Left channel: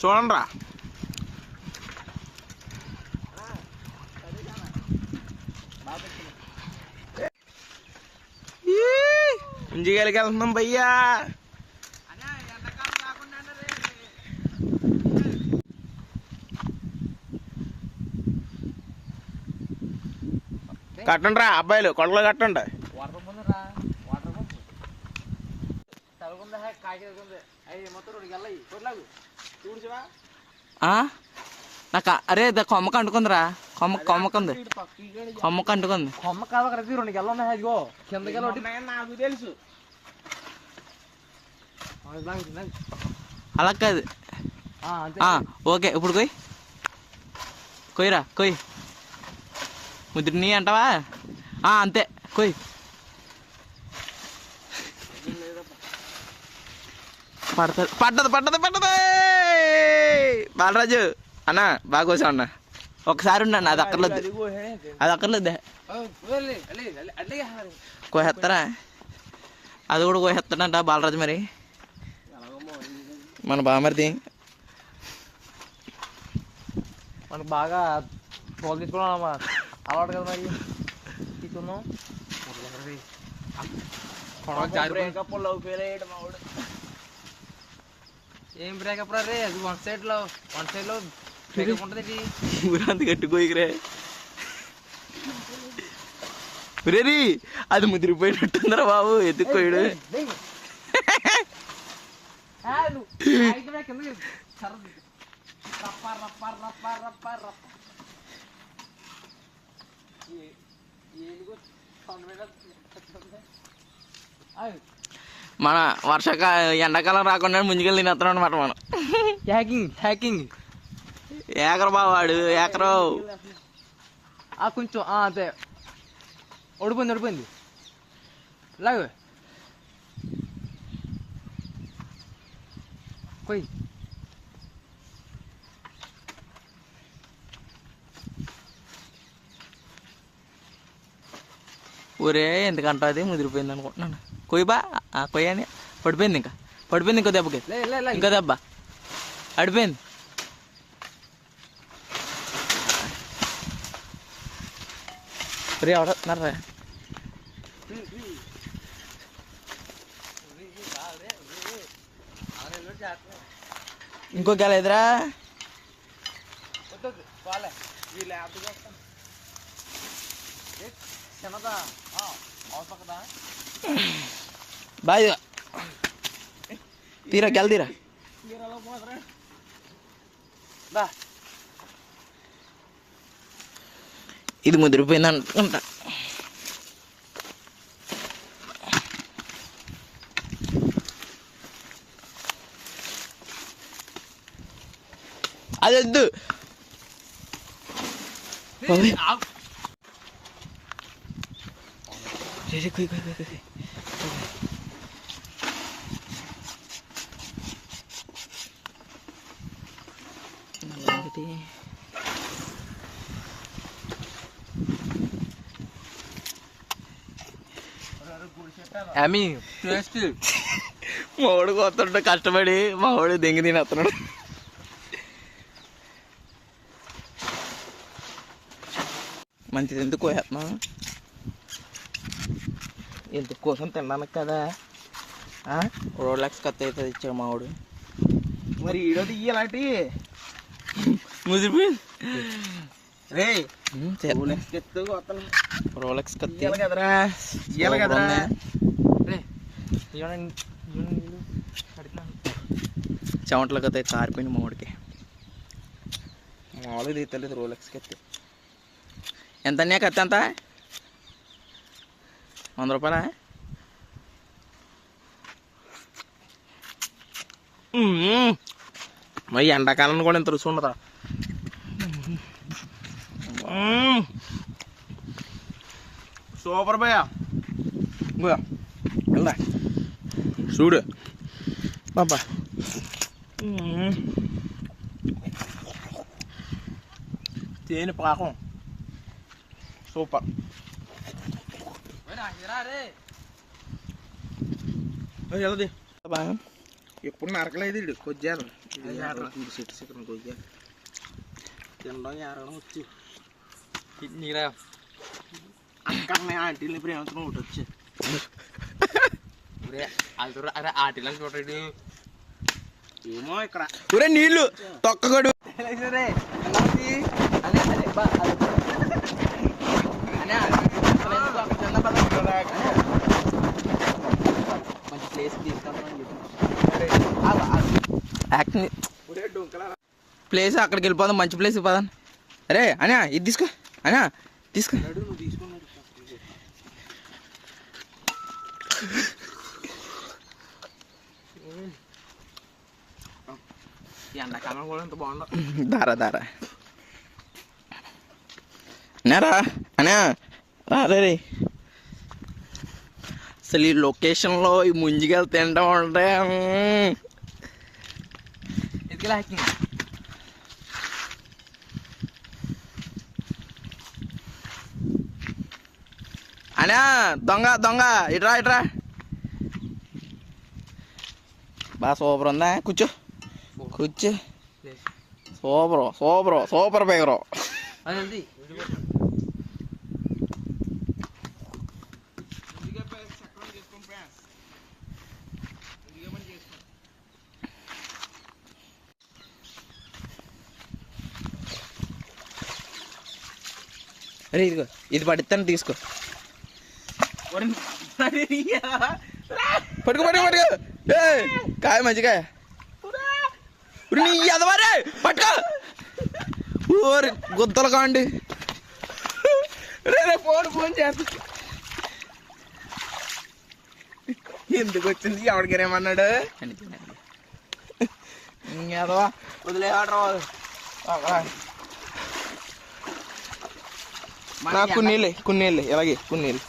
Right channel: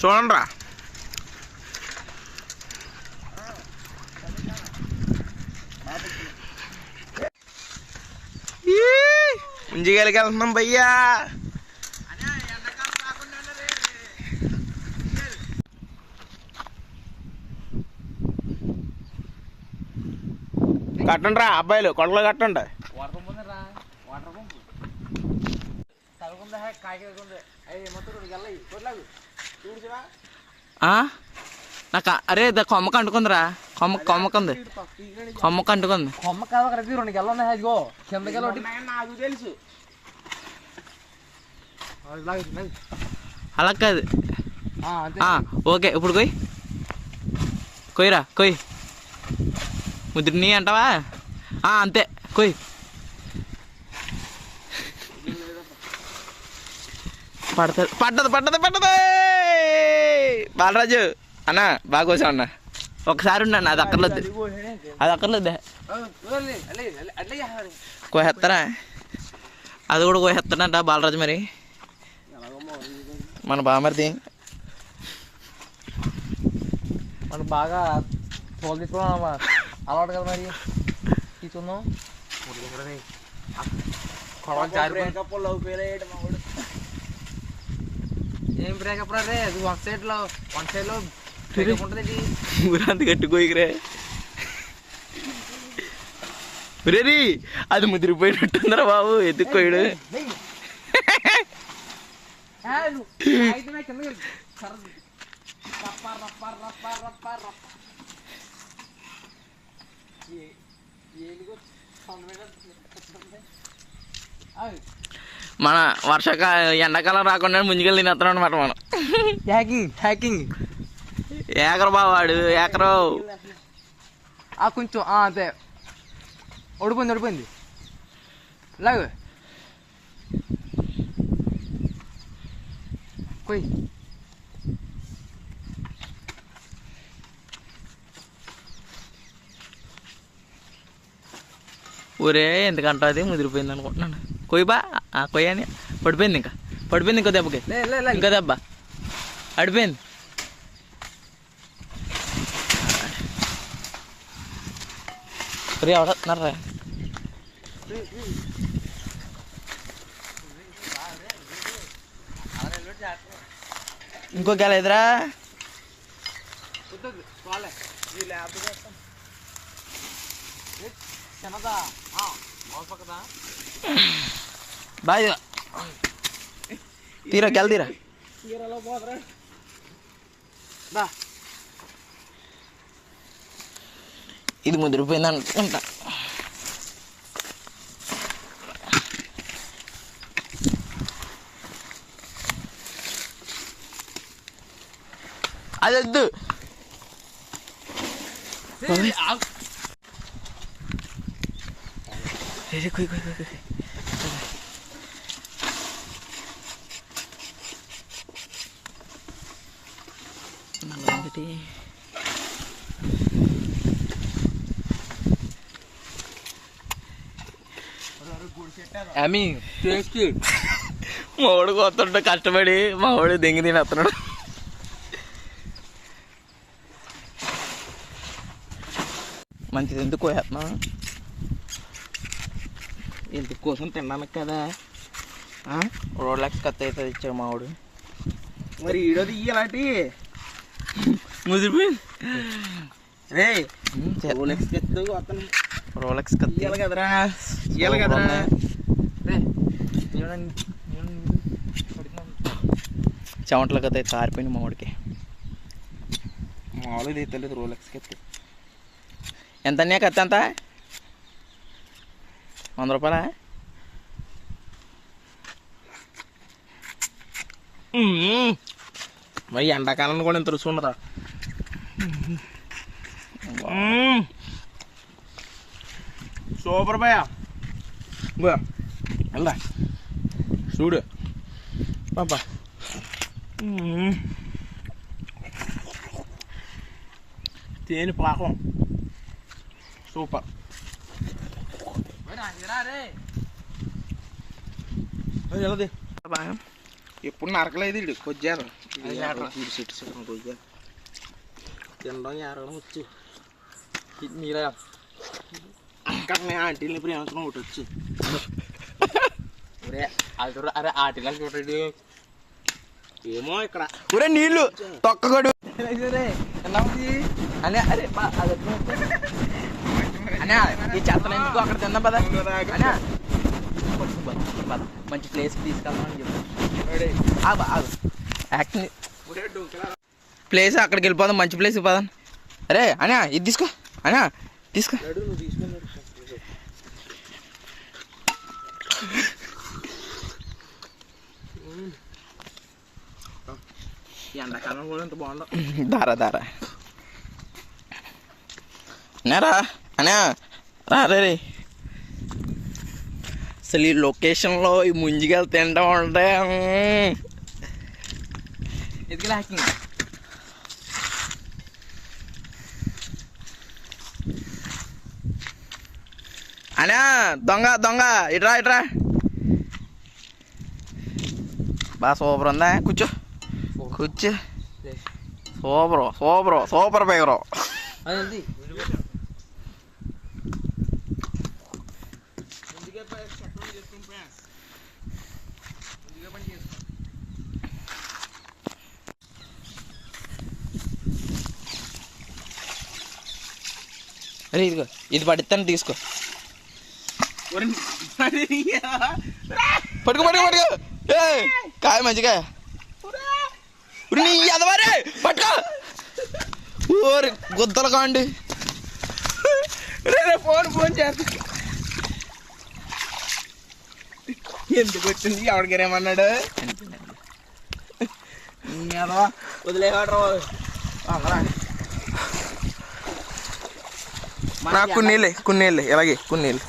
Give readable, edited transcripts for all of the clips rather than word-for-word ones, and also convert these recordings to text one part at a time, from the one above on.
చూడండి రా ముంజిగాలికి వెళ్తున్నాం భయ్యా. కట్టండి రా అబ్బాయిలు, కొడలు కట్టండి. నాకు అరే కొమ్మకు అంటుకుందిరా, కొమ్మకు అంటుకుంది. కొమ్మ కాదు 2 గెల్ల ఉన్నాయి. నాకు తెలుసు. అలా కాదు. ఓకే ఇప్పుడు కొయ్యరా కొయ్యి. ముద్రని అంటావా? అంతే కొయ్యి. పడ్డది బాలరాజు అన్న బాగా కోసావు అన్న. ఒకసారి ఉన్నాను, అది అక్కర్లేదు కోసేస్తారా? అది కూడా కోసేస్తాడంట బాలరాజు. మరి మన బామర్ది మనకి బాగా తోలు తీసుకోవడం అలవాటు కదా. మరి తీసుకుందాం. ఏం బ్రేకప్ రే? అది వన్ సైడ్ లో బ్రేకప్ ఉంటుంది. ఊరంత కట్టుకోయిరే రేది. అది ముదిరిపోయినట్టుందరా బాబు, ఎత్తుకోయాడు. మన ఎండాకాలం రాకుండా ముందుకెళ్ళి తినేస్తాం అనమాట మనం. హ్యాకింగ్ ఏకరు బావాడు ఏకరు. కొంచెం అంతే. ఓడిపోయింది లాగు కొయ్. ఊరే ఎందుకంటే అది ముదిరిపోయింది అనుకుంటున్నాను. కొయ్యబా కొయ్యని పడిపోయింది. ఇంకో దెబ్బకి ఇంకో దెబ్బ అడిపోయింది. ఎవడన్నారా? ఇంకో గెలేదురా. బాయ్ తీరా గెల ఇది ముదిరిపోయింది అనుకుంటా. అది వద్దు. మా వాడు కొత్త కష్టపడి మా వాడు దెంగి తినేస్తున్నాడు. మంచిది ఎందుకు కోసేస్తున్నాం? ఎందుకు కోసం తిన్నాను కదా. రోడ్లెక్స్ కత్త అవుతుంది ఇచ్చాడు మా వాడు. మరి ఈడోది ఇయ్యాలంటే ముదిరిపోయింది రే. రోలెక్స్ కత్తి ఇయ్యాలి కదరా. చెమటల కత్తి కారిపోయింది మా వాడికి. మామూలుగా తీయలేదు రోలెక్స్ కత్తి. ఎంత అన్నా కత్తి ఎంత? 100 రూపాయలా? మరి ఎండాకాలం కూడా ఇంత రుచి ఉండదా? సూపర్ భయ. చూడు పాపా, తేనె పాకం సూపర్. వెళ్ళది ఎప్పుడు నరకలేదు ఇడు కొద్దిగా కొద్దిగా తినడం ఏరడం వచ్చు నీరా అక్కడ ఆంటీని ప్రేమించడం ఒకటి వచ్చి అరే ఆటిలా చూడండి ఏమో ఇక్కడ ఒరే నీళ్ళు తొక్కగడు అనే అరే బా అనే అక్కడ తిన్న పద మంచి ప్లేస్ తీసుకెళ్ళమని చెప్పి ప్లేస్ అక్కడికి వెళ్ళిపోదాం మంచి ప్లేస్ పదాం అరే అనే ఇది తీసుకో అనే తీసుకో ఎండాకాలం కూడా ఎంత బాగుండవు దారా దారా అన్నారా అనే రే అసలు ఈ లొకేషన్లో ఈ ముంజిగా తింటా ఉంటే అనే దొంగ దొంగ ఇట్రా ఇట్రా బాగా సూపర్ ఉందా కూర్చో కూర్చో సూపర్ సూపర్ సూపర్ బేగరు అదండి అరే ఇదిగో ఇది పడిస్తాను తీసుకో పట్టుకో పట్టుకో పట్టుకో కాయ మంచిగా నీ ఎదవరే పట్టుకో ఓరి గుద్దలు కాండి రే ఫోన్ చేస్తా ఎందుకు వచ్చింది ఎవరికేమన్నాడు వదిలేవాడు నాకు కొన్నేళ్ళే ఇలాగే కొన్నేళ్ళు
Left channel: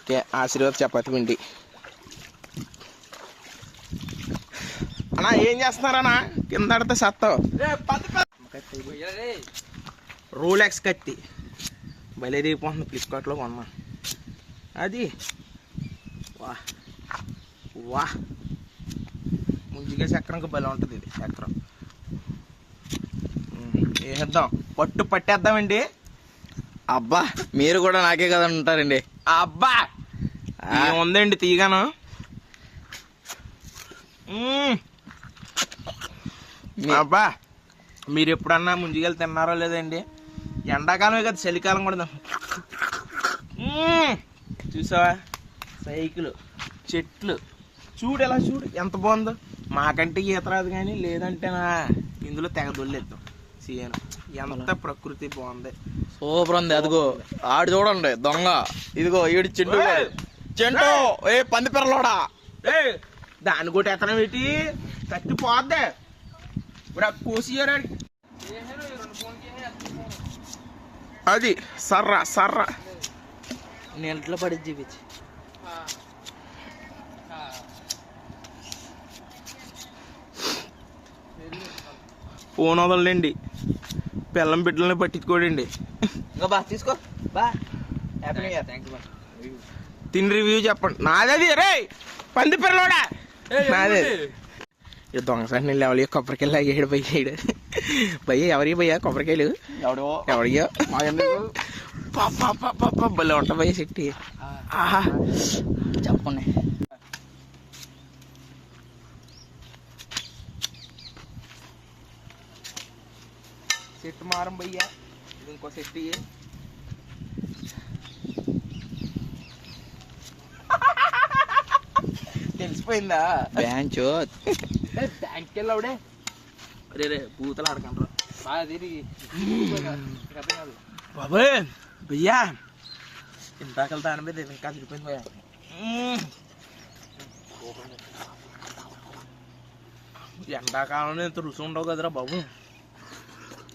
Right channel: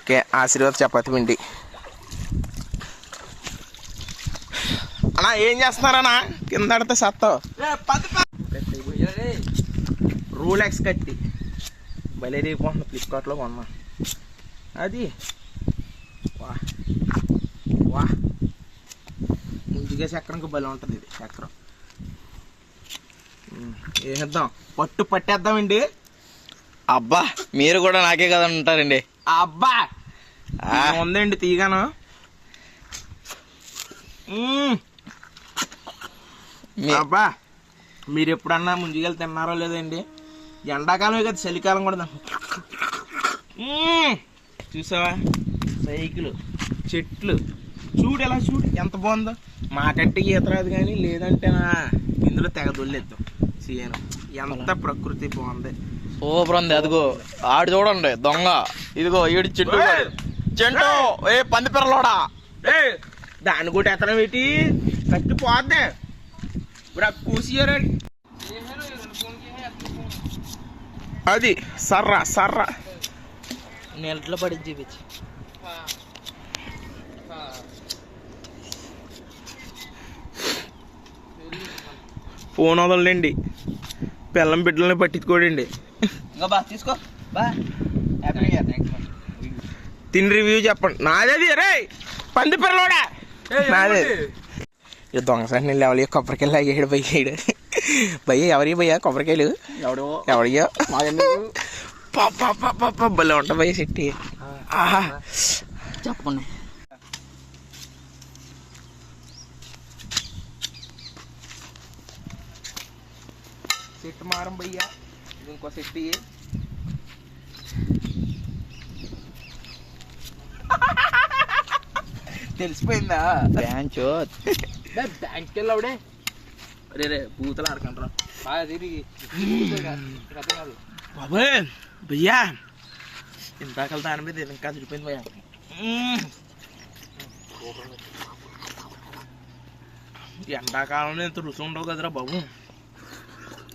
ఓకే ఆశీర్వాద చపాతి పిండి అన్నా ఏం చేస్తున్నారన్నా కింద ఆడితే సత్తావు రోలెక్స్ కత్తి భలే రేపు ఫ్లిప్కార్ట్లో కొన్నాం అది వా వా ముందుగా చక్రంకి భలే ఉంటుంది ఇది చక్రం వేద్దాం పట్టేద్దామండి అబ్బా మీరు కూడా నాకే కదా ఉంటారండి అబ్బా ఉందండి తీగాను అబ్బా మీరు ఎప్పుడన్నా ముందుకెళ్ళి తిన్నారో లేదండి ఎండాకాలమే కదా చలికాలం కూడా చూసావా సైకిల్ చెట్లు చూడు ఎలా చూడు ఎంత బాగుందో మాకంటే ఈత రాదు కానీ లేదంటేనా ఇందులో తెగ దొల్లేద్దాం సీఎను ఎంత ప్రకృతి బాగుంది సూపర్ ఉంది అదిగో ఆడు చూడండి దొంగ ఇదిగో ఈడు చింటూ చింటూ ఏ పంది పిల్లలోడా దాన్ని కూడా ఎత్తనం పెట్టి కట్టి పోద్దే కూసియారా అది సర్రా నెలట్లో పడి చూపించి ఫోన్ వదలండి పిల్లం బిడ్డలని పట్టించుకోడండి తీసుకో బా తిని రివ్యూ చెప్పండి నాదేది రే పంది పిల్లలోడా నాదే ఇక దొంగసారి నేను లేవాలి కొబ్బరికాయలు లాగేయడు బయ్యాడు భయ్య ఎవరి భయ్యా కొబ్బరికాయలు ఎవరియో పాప భలే ఉంటా భయ్య చెట్టి ఆహా చెప్పండి సెట్ మారం భయ్యా ఇది ఇంకో సెట్ తెలిసిపోయిందా బ్యాంచో బ్యాంక్కి వెళ్ళావుడే రే బూతలు ఆడకంటారా బాగా తిరిగి బాబాయ్ భయ్యా ఇంతాకలు దాని మీద ఇంకా చిరిపోయింది భయ్యా ఎండాకాలంలో ఇంత రుచి ఉండవు కదరా బాబు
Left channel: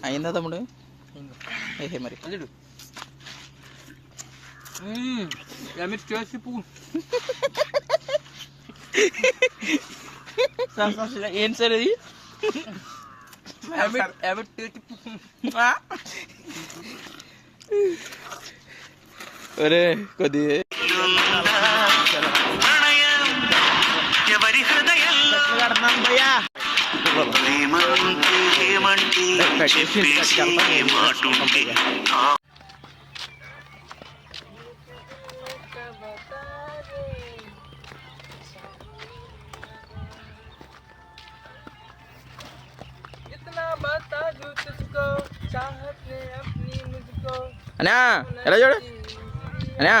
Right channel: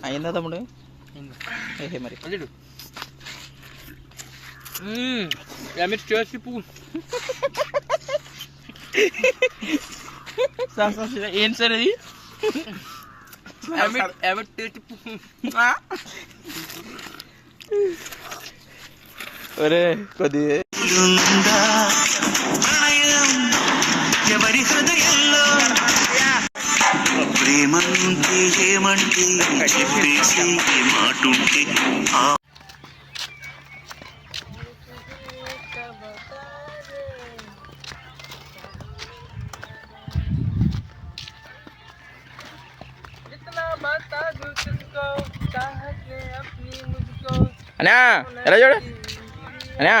అయిందా తమ్ముడు ఏ మరి అదేడు మీరు చేసి పువ్వు ఏం సార్ అది ఒరే కొద్ది ఎవరి హృదయంలో ప్రేమంటే ఏమంటే చెప్పేసి ఏ మాటుంటే అన్నా ఎలా చూడు అన్నా